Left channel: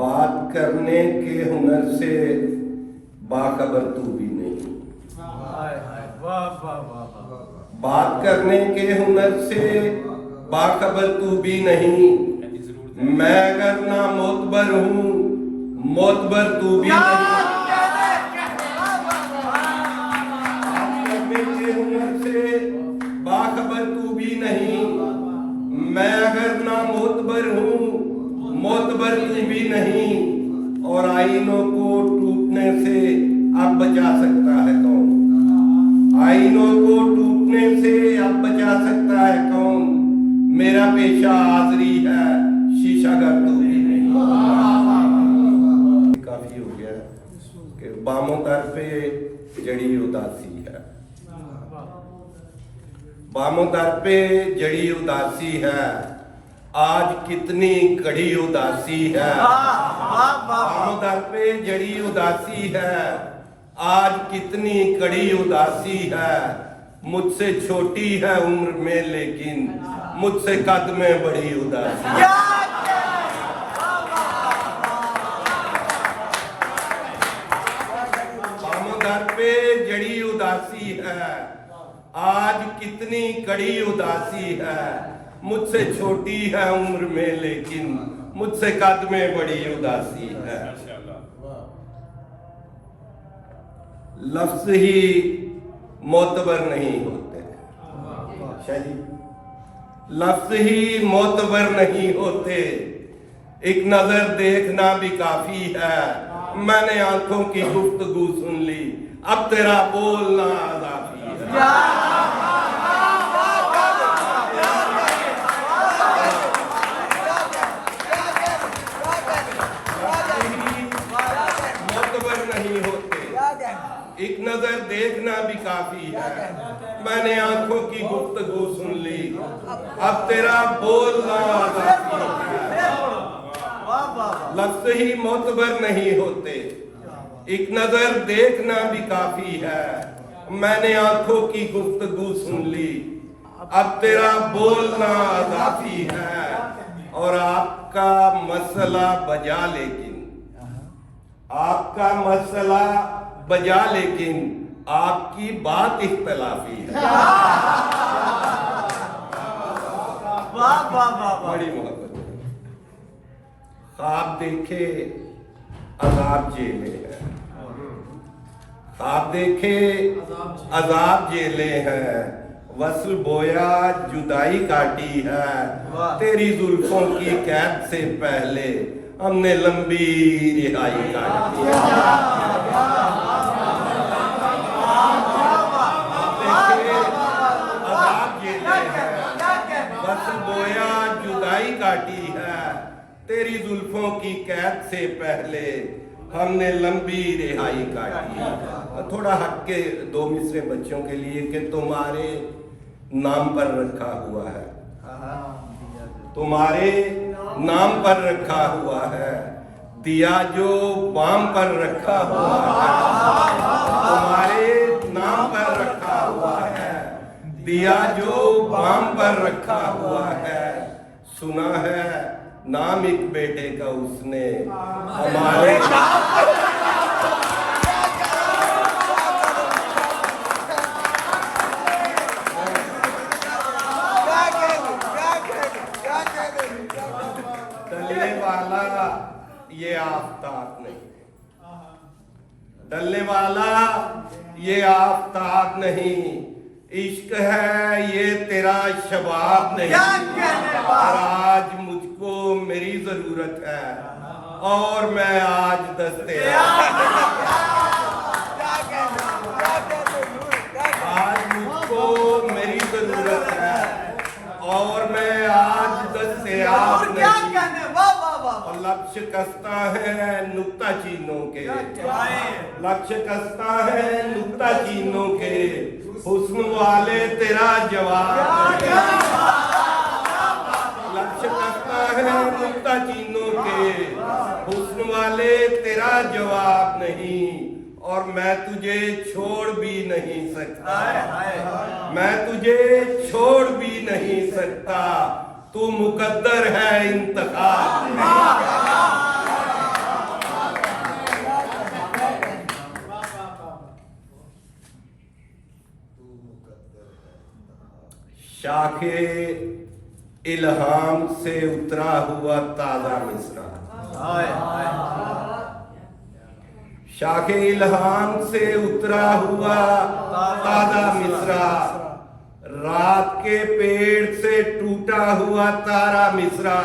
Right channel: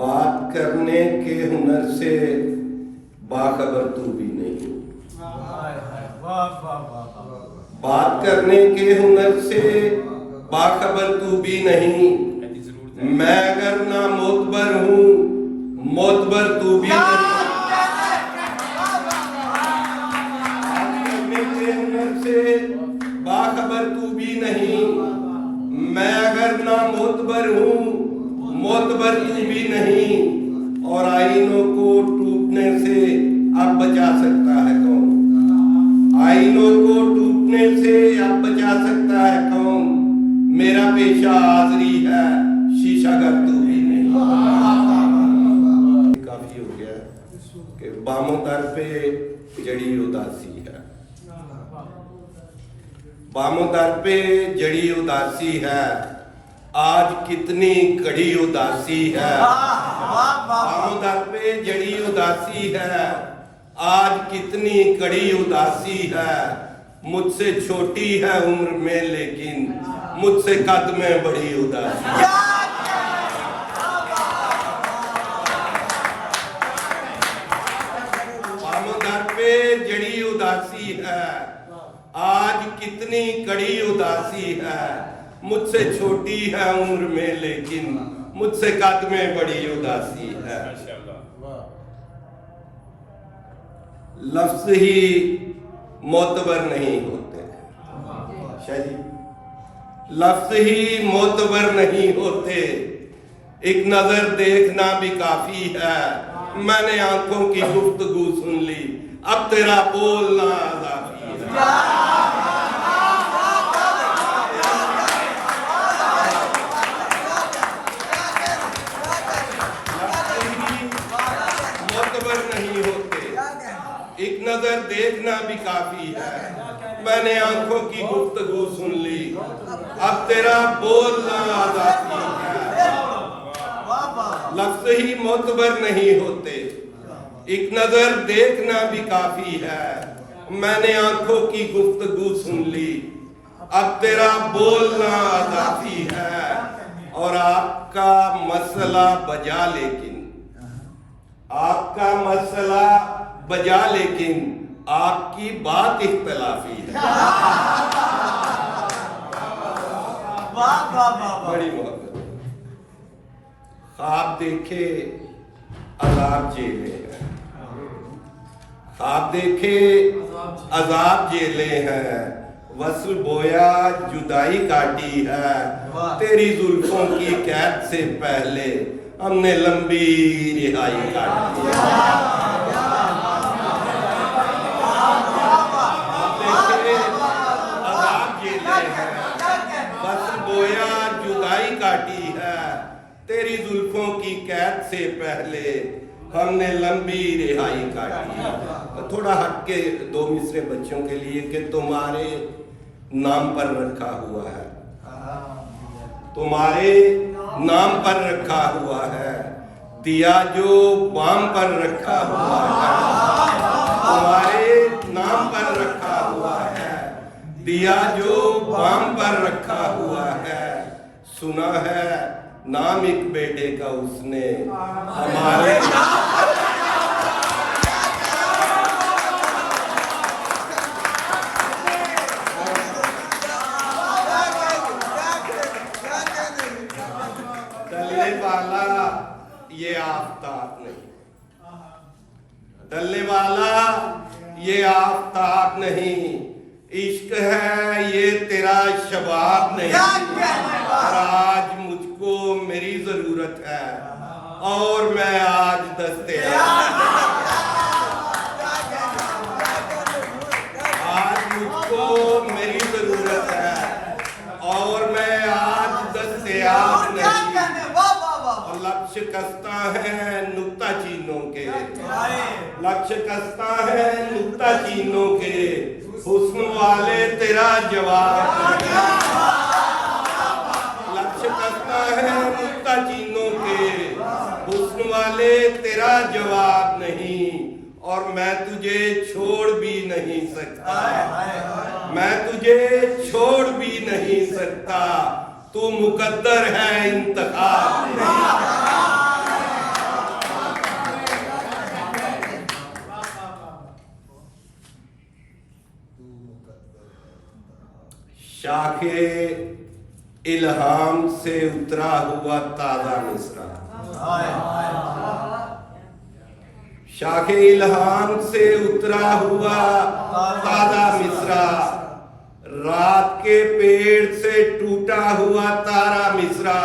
बात करने के हुनर से बाखबर तू भी नहीं। बात करने के हुनर से बाखबर तू भी नहीं। मैं अगर ना मोतबर हूँ, मोतबर तू भी नहीं। बात करने के हुनर से बाखबर तू भी नहीं। मैं अगर ना मोतबर हूँ, मोतबर तू भी नहीं। और आईनों को टूटने से अब बचा सकता है कौन? आईनों को टूटने से अब बचा सकता है कौन? मेरा पेशा हाजरी है, शीशागर तू भी नहीं। काफी हो गया कि बामों दर पे जड़ी उदासी है। बामों दर पे जड़ी उदासी है, आज कितनी कड़ी उदासी है। बामों दर पे जड़ी उदासी है, आज कितनी कड़ी उदासी है। मुझसे छोटी है उम्र में लेकिन मुझसे कद में बड़ी उदासी है। बामों दर पे जड़ी उदासी है, आज कितनी कड़ी उदासी है। मुझसे छोटी है उम्र में लेकिन मुझसे कद में बड़ी उदासी है। लफ्ज ही मोतबर नहीं होते, शायद लफ्ज ही मोतबर नहीं होते। एक नजर देखना भी काफी है। मैंने आंखों की गुफ्तगू सुन ली, अब तेरा बोलना आजादी है। नहीं होते, एक नजर देखना भी काफी है। मैंने आंखों की गुफ्तगू सुन ली, अब तेरा बोलना आजादी है। लफ्ज ही मोतबर नहीं होते, एक नजर देखना भी काफी है। मैंने आंखों की गुफ्तगू सुन ली, अब तेरा बोलना आजादी है। और आपका मसला बजा लेकिन, आपका मसला बजा लेकिन आपकी बात इख्तलाफी है। बड़ी मोहब्बत। ख्वाब देखे अजाब झेले हैं, ख्वाब देखे अजाब झेले हैं। वस्ल बोया जुदाई काटी है, तेरी जुल्फों की कैद से पहले हमने लंबी रिहाई काटी है। अजाब झेले हैं, वस्ल बोया जुदाई काटी है। तेरी जुल्फों की कैद से पहले हमने लंबी रिहाई काटी है। थोड़ा हट के दो मिसरे बच्चों के लिए कि तुम्हारे नाम पर रखा हुआ है, तुम्हारे नाम पर रखा हुआ है। दिया जो बाम पर रखा हुआ है, तुम्हारे नाम पर रखा हुआ है। दिया जो बाम पर रखा हुआ है। सुना है नाम एक बेटे का उसने हमारे डलने वाला ये आफताब नहीं, डलने वाला ये आफताब नहीं। इश्क है ये तेरा शबाब नहीं। और आज मुझको मेरी जरूरत है और मैं आज दस्तयाब। आज मुझको मेरी जरूरत है और मैं आज दस्तयाब नहीं। लक्ष्य कसता है नुक्ता चीनों के, लक्ष्य कसता है नुक्ता चीनों के। हुस्न वाले तेरा जवाब, लक्ष्य कसता है नुक्ता चीनों के। हुस्न वाले तेरा जवाब नहीं। और मैं तुझे छोड़ भी नहीं सकता, मैं तुझे छोड़ भी नहीं सकता। तू मुकद्दर है इंतखाब में। शाखे इल्हाम से उतरा हुआ ताजा मिसरा, शाखे इल्हाम से उतरा हुआ ताजा मिसरा, रात के पेड़ से टूटा हुआ तारा मिसरा,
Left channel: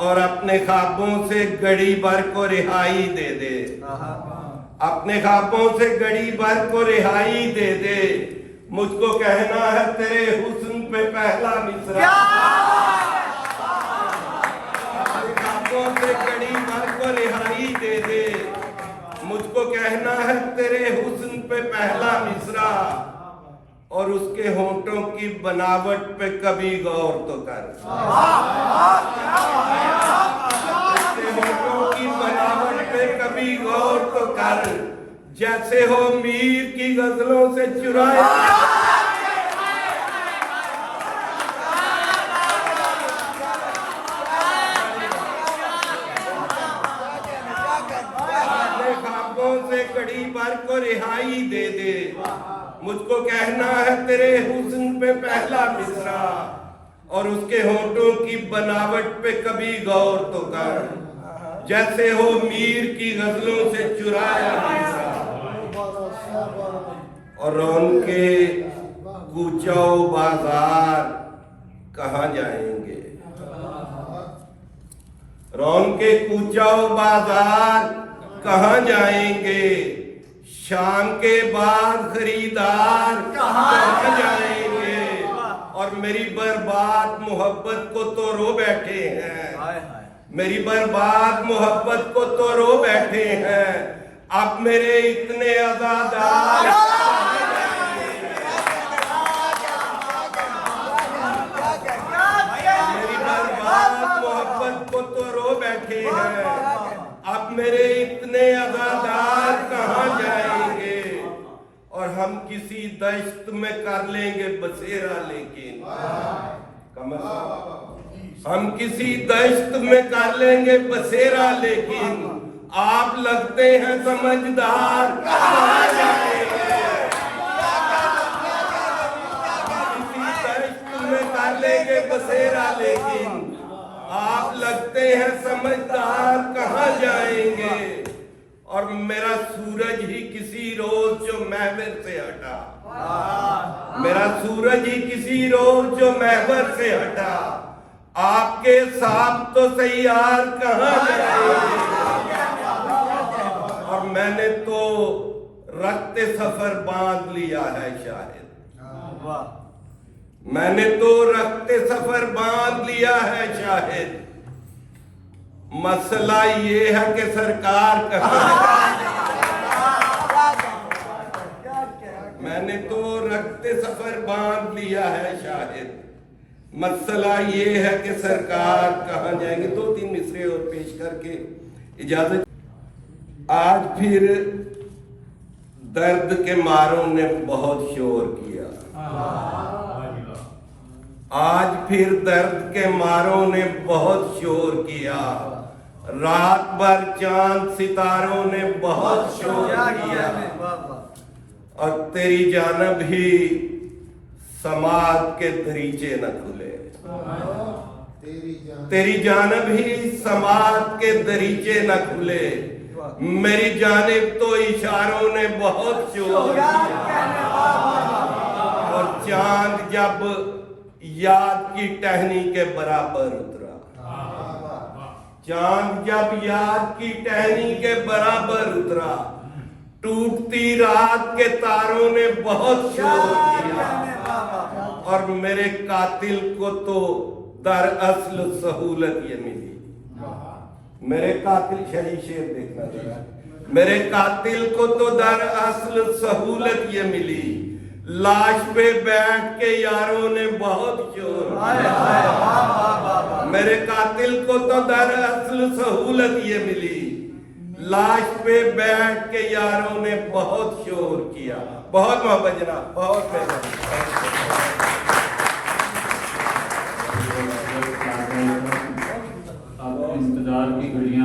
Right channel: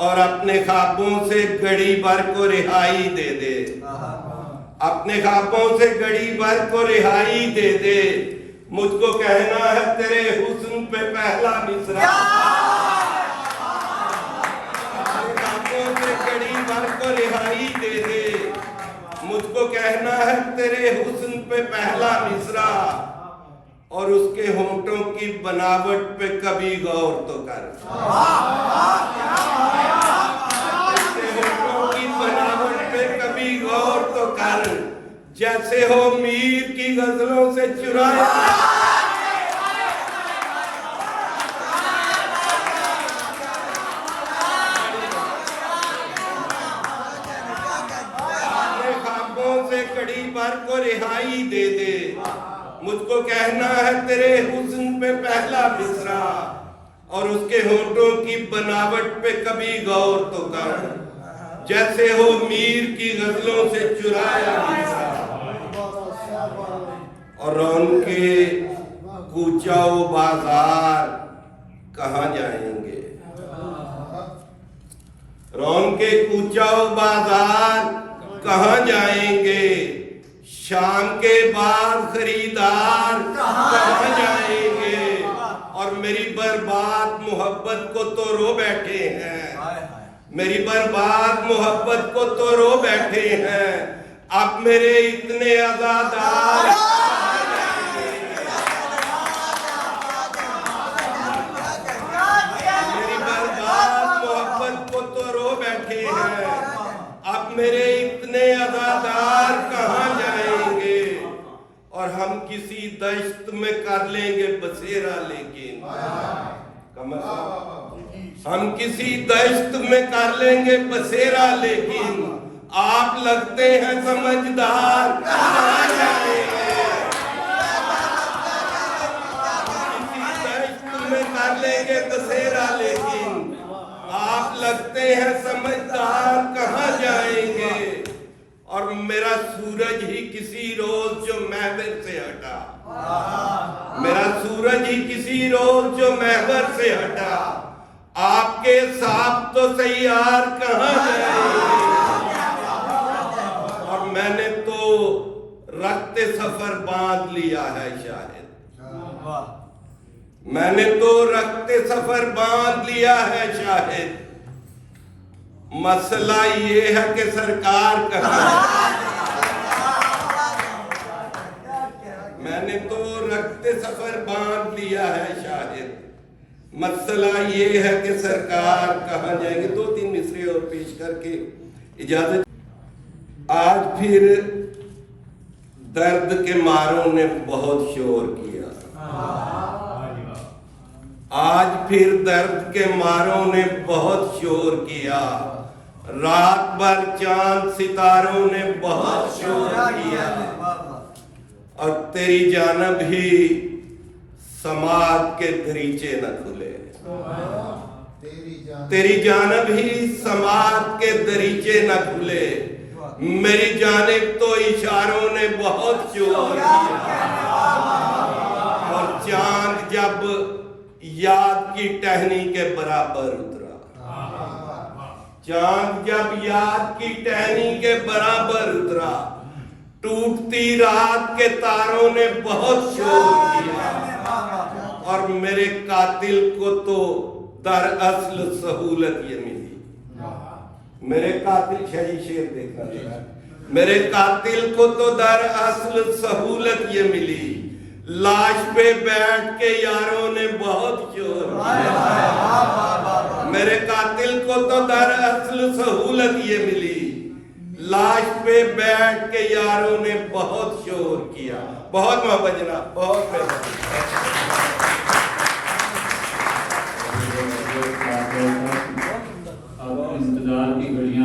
और अपने ख्वाबों से घड़ी भर को रिहाई दे दे, अपने ख्वाबों से घड़ी भर को रिहाई दे दे। मुझको कहना है तेरे हुस्न पे पहला मिसरा, अपने ख्वाबों से घड़ी भर को रिहाई दे दे। मुझको कहना है तेरे हुस्न पे पहला मिसरा, और उसके होंठों की बनावट पे कभी गौर तो कर, उसके होंठों की बनावट पे कभी गौर तो कर, जैसे हो मीर की गजलों से चुराया। अपने ख्वाबों से कड़ी भर को रिहाई दे दे। मुझको कहना है तेरे हुस्न पे पहला मिसरा, और उसके होंठों की बनावट पे कभी गौर तो कर, जैसे हो मीर की गजलों से चुराया मिसरा। और रौनके कूचाओ बाजार कहाँ जाएंगे, रौनके कूचाओ बाजार कहाँ जाएंगे, शाम के बाद खरीदार कहाँ जाएंगे, और मेरी बर्बाद मोहब्बत को तो रो बैठे हैं, मेरी बर्बाद मोहब्बत को तो रो बैठे हैं। अब मेरे इतने अज़ादार मेरी बर्बाद मोहब्बत को तो रो बैठे हैं, अब मेरे इतने अज़ादार कहाँ जाएंगे। और हम किसी दश्त में कर लेंगे बसेरा, लेकिन हम किसी दश्त में कर लेंगे बसेरा, लेकिन आप लगते हैं समझदार कहाँ जाएंगे। किसी दश्त में कर लेंगे बसेरा, लेकिन आप लगते हैं समझदार कहाँ जाएंगे। और मेरा सूरज ही किसी रोज जो महवर से हटा, मेरा सूरज ही किसी रोज जो महवर से हटा, आपके साथ तो सही यार कहाँ जाएंगे। और मैंने तो रखते सफर बांध लिया है शायद, मैंने तो रखते सफर बांध लिया है शायद। मसला ये है कि सरकार कहाँ है, मैंने तो रखते सफर बांध लिया है शायद। मसला ये है कि सरकार कहाँ जाएंगे। 2-3 मिसरे और पेश करके इजाजत। आज फिर दर्द के मारों ने बहुत शोर किया, आज फिर दर्द के मारों ने बहुत शोर किया, रात भर चांद सितारों ने बहुत शोर किया, और तेरी जानब ही समाज के दरीचे न खुले, तेरी जानब ही समाज के दरीचे न खुले। मेरी जानिब तो इशारों ने बहुत शोर किया, और चांद जब याद की टहनी के बराबर उतरा, चांद जब याद की टहनी के बराबर उतरा, टूटती रात के तारों ने बहुत शोर किया, और मेरे कातिल को तो दरअसल सहूलत ये मिली। मेरे कातिल, शाही शेर देखना जरा, मेरे कातिल को तो दरअसल सहूलत ये मिली, लाश पे बैठ के यारों ने बहुत शोर किया। मेरे कातिल को तो दरअसल सहूलत ये मिली, लाश पे बैठ के यारों ने बहुत शोर किया। बहुत मोहब्बत जनाब, बहुत अब इंतजार की घड़ियां